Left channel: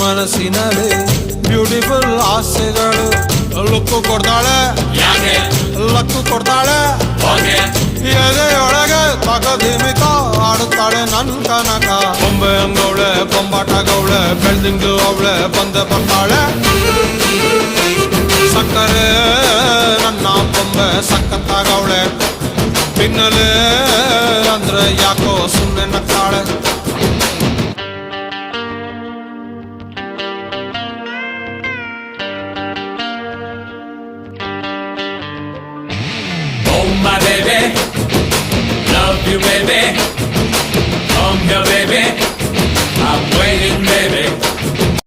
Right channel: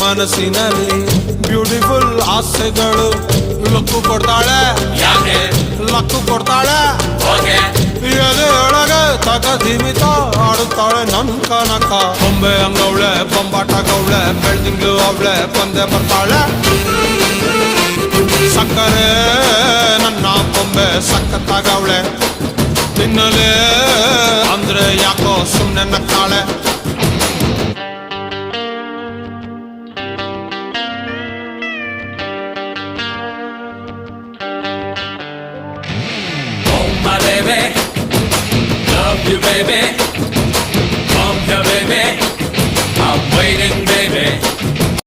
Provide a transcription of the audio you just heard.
ಮನಸ್ಸಿನಲ್ಲಿ ಬ್ಯೂಟಿಫುಲ್ ಆಸೆಗಳು ಲುಕ್ಕು ಕೊಡ್ತಾಳೆ ಲಕ್ಕು ಕೊಡ್ತಾಳೆ ಎಲೆಯೊಳಗೆ ತಗದಿಮಿತ ಆಡುತ್ತಾಳೆ ನನ್ ಕನಕ ಬೊಂಬೆ ಅಂಗವಳೆ ಬೊಂಬಾಟಾಗವಳೆ ಬೆಳ್ದಿಂಗ್ಳು ಅವಳೆ ಬಂದೆ ಬರ್ತಾಳೆ ಸಕ್ಕರೆ ನನ್ನ ಬೊಂಬೆ ಸಕ್ಕತ್ತಾಗವಳೆ ಬಿನ್ನಲೆ ಅಂದ್ರೆ ಯಾಕೋ ಸುಮ್ಮನೆ ನಕ್ಕಾಳೆ My baby, love you baby